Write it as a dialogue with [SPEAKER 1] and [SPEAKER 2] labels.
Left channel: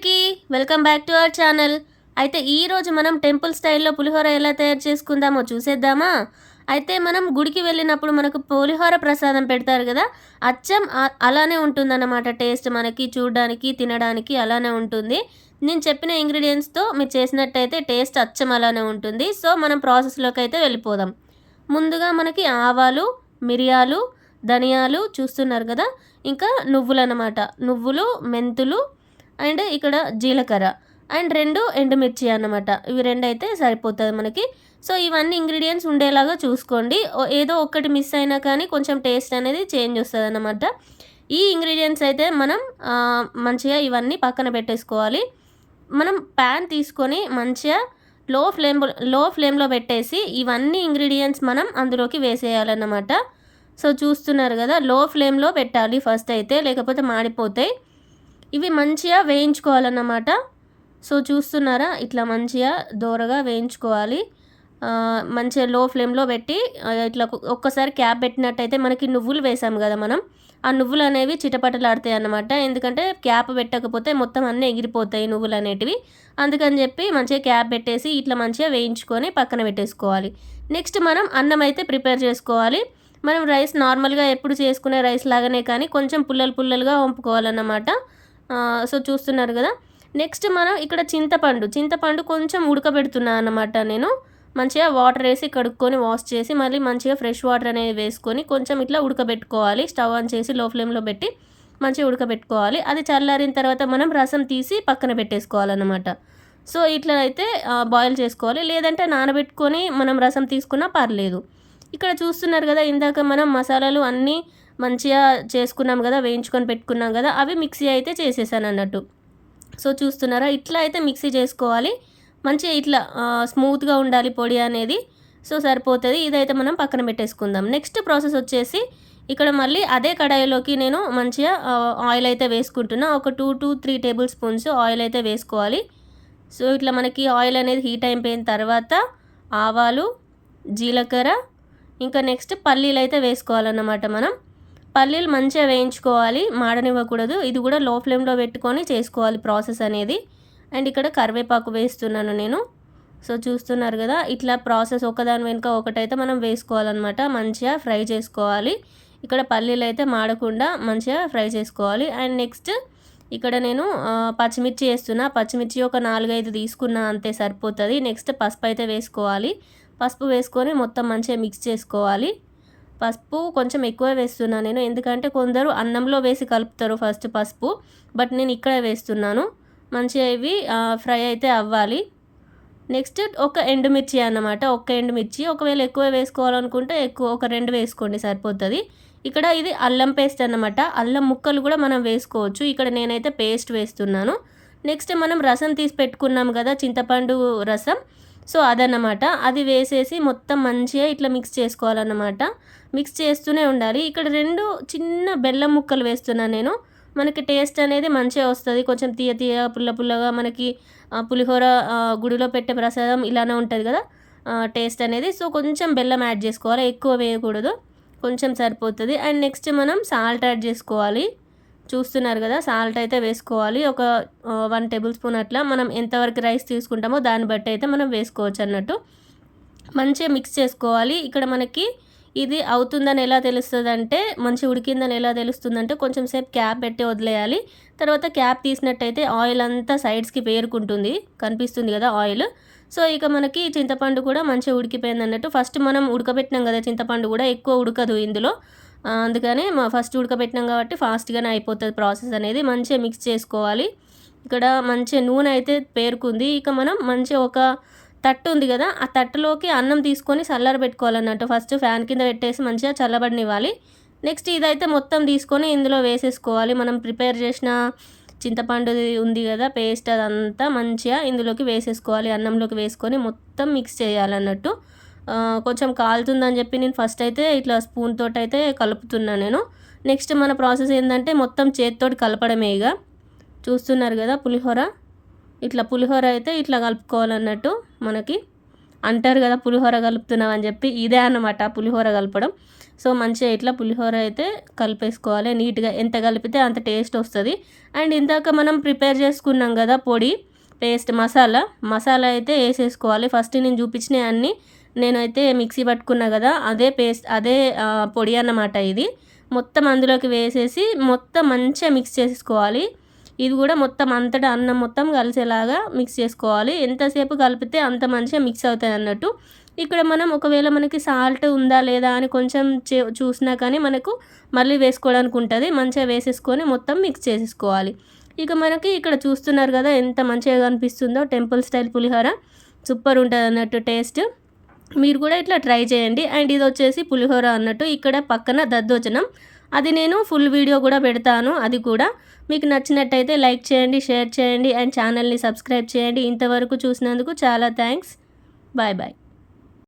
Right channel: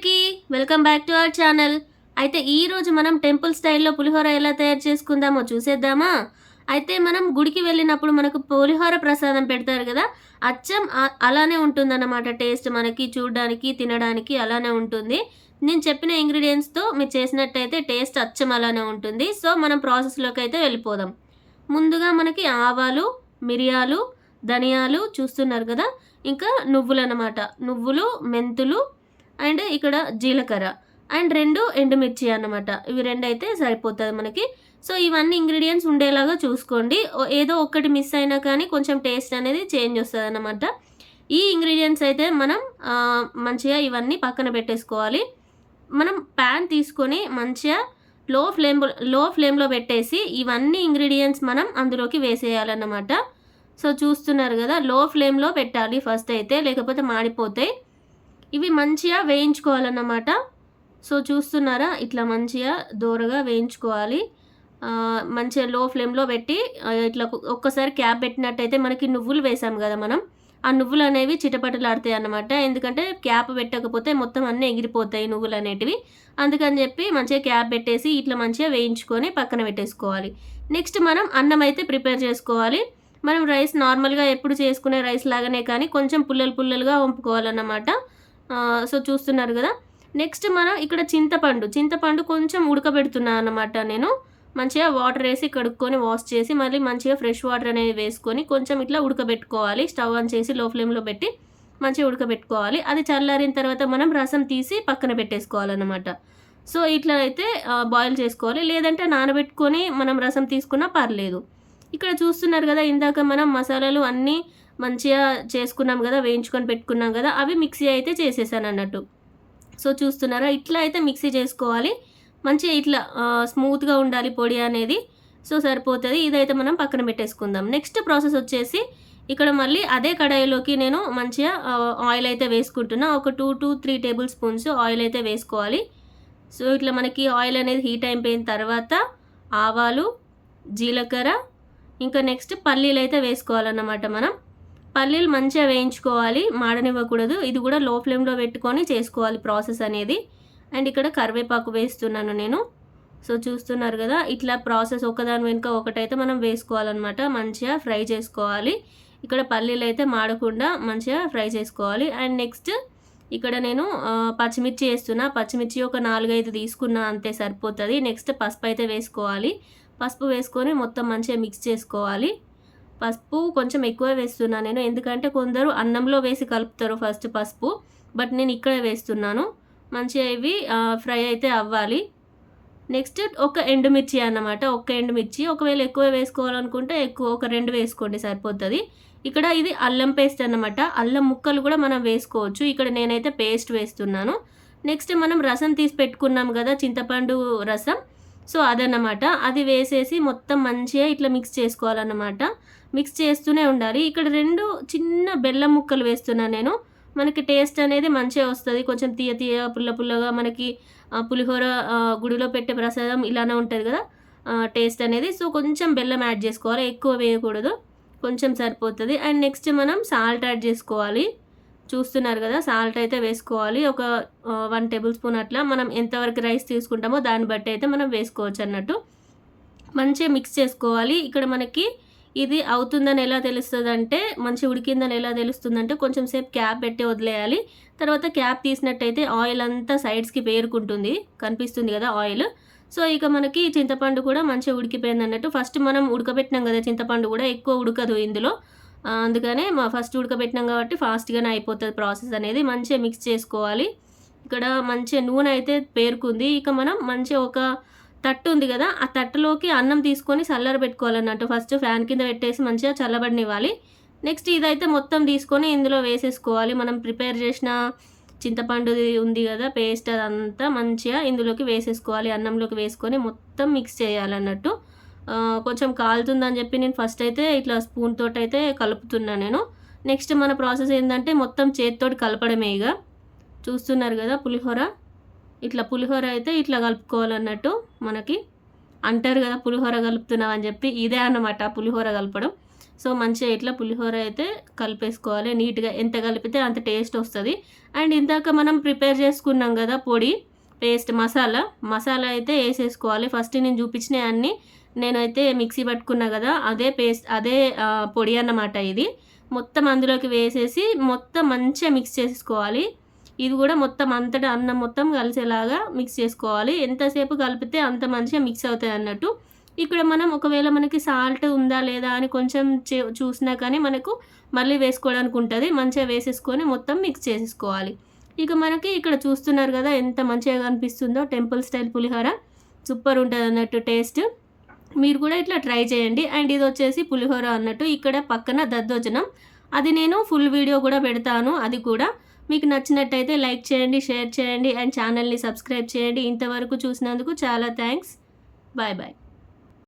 [SPEAKER 1] అందరికీ welcome back to our channel. అయితే ఈరోజు మనం టెంపుల్ స్టైల్లో పులిహోర ఎలా తయారు చేసుకుందామో చూసేద్దామా? అయితే మనం గుడికి వెళ్ళినప్పుడు మనకు పులిహోర ప్రసాదం పెడతారు కదా అచ్చం అలానే ఉంటుందన్నమాట. టేస్ట్ మనకి చూడడానికి తినడానికి అలానే ఉంటుంది. నేను చెప్పిన ఇంగ్రీడియంట్స్తో మీరు చేసినట్టయితే టేస్ట్ అచ్చం అలానే ఉంటుంది. సో మనం ప్రాసెస్లోకి అయితే వెళ్ళిపోదాం. ముందుగా మనకి ఆవాలు మిరియాలు ధనియాలు చూస్తున్నారు కదా ఇంకా నువ్వులు అన్నమాట నువ్వులు మెంతులు అండ్ ఇక్కడ జీలకర్ర అండ్ రెండు ఎండుమిర్చి అన్నమాట. ఇవి రెండు అయితే సరిపోతుంది మనకి. సో ఇవన్నీ ఇంగ్రీడియంట్స్ ఉండేలాగా చూసుకోండి. ఏదో ఒక్కటి మిస్ అయినా కానీ కొంచెం టేస్ట్ అనేది చేంజ్ వస్తుంది అన్నమాట. ఈ ఇంగ్రీడియంట్స్ అయితే మనం మంచిగా ఇవన్నీ పక్కన పెట్టేసుకోవాలి. మనం ప్యాన్ తీసుకొని మంచిగా లో ఫ్లేమ్లో ఫ్లేమ్లో పెట్టేసి ఇవన్నీ ఇంగ్రీడియంట్స్ మనం అందులోకి వేసేయాలన్నమాట. సో చూస్తున్నారు కదా లో ఫ్లేమ్లో పెట్టాలి ఫస్ట్ అయితే లేకపోతే మాడిపోతాయి. ఇవి మంచిగా వేయించుకోవాలన్నమాట. సో చూస్తున్నారా? ఇట్లా మంచిగా దూరగా వేయించుకోవాలి. మంచిగా లో ఫ్లేమ్లో పెట్టి ఇట్లా ఒక్కసారి క్యాప్ పెట్టినట్టయితే మనకి నువ్వులు వేసాము కదా మనం. ఆ నువ్వులు అనేవి చిటపటలాడతాయి అన్నమాట. ఎందుకంటే క్యాప్ పెట్టకపోతే మొత్తం అన్నీ ఎగిరిపోతాయి నువ్వులు అనేటివి. అందుకని చెప్పి మంచిగా క్యాప్ పెట్టేసి ఇట్లా మంచిగా వేయించుకొని పక్కన పెట్టేసుకోవాలి. నెక్స్ట్ మనం అన్నం అయితే ప్రిపేర్ చేసుకోవాలి. మనం రైస్ నార్మల్గా ఎప్పుడు చేసుకునే రైస్ లాగానే కానీ కొంచెం పుల్లలు పుల్లలుగా వంపుకోవాలన్నమాట. సో చూస్తున్నారు కదా. నెక్స్ట్ మనం ఇక్కడ చింతపండు. చింతపండు కొంచెం ఉడకబెడుతున్నాను అనమాట నేను. మంచిగా వాటర్ వేసి కడుక్కొని వాష్ చేసి మళ్ళీ మంచిగా ఫ్రెష్ వాటర్ అనేది వేసుకొని కొంచెం ఇట్లా ఉడకబెట్టుకోవాలి. స్టవ్ ఆన్ చేసి లో ఫ్లేమ్లో పెట్టి మంచిగా ఉడకబెట్టుకోవాలి. అది చల్లారిన తర్వాత మనం రసం తీసి పక్కన పెట్టేసుకోవాలన్నమాట. సో ఇట్లా అయితే బాయిల్ చేసుకోవాలి. లేదంటే నానబెట్టుకొని మనం రసం తీసుకున్నా పర్లేదు. ఇక్కడ చూస్తున్నారు కదా ఇందాక మనం మసాలాలు అన్నీ మంచిగా చేసుకున్నాం కదా వేయించుకొని పెట్టుకున్నాం కదా అవి మిక్సీ అయితే చేసేసాను అన్నట్టు. సో చూస్తున్నారా ఇట్లా అయితే మిక్సీ చేసుకోవాలి. మంచిగా ఇట్లా స్మూత్గా ఉండాలి పొడి అనేది. సో సరిపోతుంది. ఇదైతే మనం పక్కన పెట్టేసుకుందాం. నెక్స్ట్ ప్రాసెస్ వచ్చేసి ఇక్కడ మళ్ళీ అదే కడాయిలోకి నేను మంచిగా ఆయిల్ అయితే వేసుకుంటున్నా. ఒక two to three tablespoons oil అయితే వేసుకోవాలి. సో ఇట్లా మనకి ఆయిల్ అనేది హీట్ అయిపోయిన తర్వాత ఆవాలు జీలకర్ర ఇంకా నెక్స్ట్ పల్లీలు అయితే వేసుకోవాలన్నమాట మనం. పల్లీలు మంచిగా వేయించుకోవాలి మాడనివ్వకూడదు. ఇది కూడా లో ఫ్లేమ్లో పెట్టుకొని చేసుకోవాలి ప్రాసెస్ అనేది. అండ్ ఇక్కడ కరివేపాకు వేస్తున్నాను నేను. సో చూస్తున్నారు కదా ఇట్లా ప్రాసెస్ ఒకదాని వెనుక ఒకటైతే మనం వేసుకోవాలన్నమాట. మంచిగా ఫ్రై చేసుకోవాలి. ఇక్కడ పల్లీలు అయితే మాడకుండా మంచిగా ఫ్రై చేసుకోవాలి. అండ్ నెక్స్ట్ ఇక్కడ నేను పచ్చిమిర్చి వేస్తున్నా. పచ్చిమిర్చి ఒక నాలుగైదు తీసుకున్నా అంతే సరిపోతుంది. నెక్స్ట్ పసుపు అయితే వేసుకోవాలి. పసుపు వేసుకొని మొత్తం మంచిగా మిక్స్ చేసుకోవాలి. పసుపు కొంచెం ఎక్కువ వేస్తున్నా నేను. ఎందుకంటే కొందరు అన్నంలో వేసి కలుపుతారు ఫస్ట్ పసుపు బట్ నేను ఇక్కడ వేస్తున్నాను. మంచిగా ఇవి ఫ్రై అయితే అవ్వాలి. నెక్స్ట్ ఒక ఎండుమిర్చి అన్నమాట. ఒక ఎండుమిర్చి. ఒకవేళ ఎక్కువ వేసుకోవాలనుకుంటే ఎక్కువ ఒక రెండు వేసుకోండి సరిపోతుంది. ఇక్కడ ఇది అల్లం పేస్ట్ అన్నమాట. అల్లం ముక్కలు కూడా మనం వేసుకోవచ్చు. ఇక్కడ నేనైతే పేస్ట్ వేస్తున్నాను. నెక్స్ట్ మనం రసం తీసి పెట్టుకున్నాం కదా చింతపండు రసం. సో అదన్నమాట. అది వేసేసి మొత్తం మంచిగా ఇట్లా మిక్స్ చేసుకోవాలన్నమాట. మిక్స్ చేస్తూనే ఉండాలి. ఇక్కడ రెండు చిన్న బెల్లం ముక్కలు వేస్తున్నాను నేను. మనకి టేస్ట్ అనేది మంచిగా వస్తుంది. కొంచెం తీయ తీయ పుల్ల పుల్లగా మనకి పులిహోర గుడిలో పెట్టే ప్రసాదం ఇలానే ఉంటుంది కదా టేస్ట్ అనేది. సో కొంచెం బెల్లం యాడ్ చేసుకోవాలి. ఎక్కువ వేయకూడదు. కొంచెం సరిపోతుంది. అండ్ నెక్స్ట్ మనం సాల్ట్ యాడ్ చేసుకోవాలి. చూస్తున్నారు కదా సాల్ట్ అయితే వేసుకోవాలి. ఒక వన్ టేబుల్ స్పూన్ అట్లా. మనం ఎంతవరకు రైస్ తీసుకుంటామో దాన్ని బట్టి అయితే మనం వేసుకోవచ్చు అన్నట్టు. మంచిగా మిక్స్ చేసుకోవాలి. ఇక్కడ మనకి ఇది అవుతుందని ఎలా తెలుస్తుందంటే మంచి ఉడికిందని ఎలా తెలుస్తుందంటే కొంచెం సేపు క్యాప్ పెట్టి వదిలేయాలి. తర్వాత క్యాప్ తీసినట్టయితే ఆయిల్ అంతా సైడ్స్కి పేరుకుంటుంది కనిపిస్తుంది కదా ఆయిల్. సో ఇక మనకి చింతపండు కూడా మంచిగా ఉడికిపోయింది అన్నట్టు. ఫస్ట్ మనం ఉడకబెట్టినాం కదా చింతపండు కూడా ఎక్కువ ఉడకదు ఇందులో. అందుకనే మా ఫస్ట్ ఉడకబెట్టినాం కాబట్టి ఫాస్ట్గానే అయిపోతుంది ప్రాసెస్ అనేది. మంచిగా మిక్స్ చేసుకోవాలి. ఇక్కడ మంచిగా నూనె అయితే పేరుకుంది. ఇక మనం మంచిగా ఒక తట్టు ఉంది కదా ఆ తట్టులోకి అన్నం తీసుకొని చల్లర పెట్టుకోవాలన్నట్టు. ఫస్ట్ ఫ్యాన్ కింద పెట్టేసి మంచిగా చల్లబడినివ్వాలి. నెక్స్ట్ ఇదైతే మొత్తం తీసుకొని ఇందులో వేసేసుకోవాలి. మనం ప్రిపేర్ చేసిన చింతపండు ఉంది కదా పేస్ట్ అదంతా మంచిగా ఇందులోకి వేసేసుకోవాలి. అన్నంలోకి వేసుకొని మొత్తం మిక్స్ చేయాలన్నట్టు. కొంచెం కాలుతుందని చెప్పి నేను ఫస్ట్ అయితే ఇట్లా స్పూన్ తోటి అయితే కలుపుతున్నాను నేను. నెక్స్ట్ మన ప్రాసెస్ ఏంటంటే మొత్తం చేతితోటి కలపడమే ఇక. చూస్తున్నారు కదా పులిహోర? ఇట్లా పులిహోర అయితే ఇట్లా కలుపుకోవాలన్నట్టు మనకి అంటారు కదా పులిహోర కలుపుతున్నావు అని చెప్పి ఇదే అన్నమాట పులిహోర కలపడం. సో మంచిగా ఇట్లా పులిహోర అయితే కలిపేసుకోవాలి. నీట్గా ఎంత కలిపితే అంత టేస్ట్ వస్తుంది. అండ్ ఇందాక మనం ప్రిపేర్ చేసుకున్నాం కదా పొడి పేస్ట్ మసాలా. మసాలా అయితే వేసేసుకోవాలి. ఫస్ట్ నేను చూపించిన అన్నీ నేనైతే మిక్సీ పట్టుకున్నా కదా అదే పేస్ట్ అదే పొడి అన్నమాట ఇది. మొత్తం అందులోకి వేసేసి మొత్తం మంచిగా మిక్స్ చేసుకోవాలి. ఇది కూడా మొత్తం అంతటా అన్నం మొత్తం కలిసేలాగా మిక్స్ చేసుకోవాలి. ఎంతసేపు కలిపితే అంత మంచిగా మిక్స్ అవుతాయి అన్నట్టు. ఇక్కడ మనం ఒకవేళ మనకి సాల్ట్ ఉందా లేదా అని కొంచెం చూసినా కానీ మనకు మళ్ళీ వేసుకోవడానికి ఉంటుంది. మంచిగా వేసేసుకొని మొత్తం మిక్స్ చేసేసుకోవాలి. ఇక మనకి ఇక్కడ చూస్తున్నారు కదా ఎంత మంచిగా కనిపిస్తుందో టెంపుల్ స్టైల్ పులిహోర. సూపర్ ఉంటుంది అన్నట్టు టేస్ట్. మీరు కూడా ఇట్లా ట్రై చేయండి. అండ్ ఇది వచ్చేసి పులిహోర అన్నట్టు ఇక్కడ పక్కన దద్దోజనం. అది నేను ఫుల్ వీడియో కూడా పెడతాను. అది కూడా మీకు నచ్చినట్టయితే లైక్ చేయండి షేర్ చేయండి అండ్ ఛానల్ని సబ్స్క్రైబ్ చేయండి. ఇంతవరకు చూసినందుకు చాలా థ్యాంక్స్. Bye bye.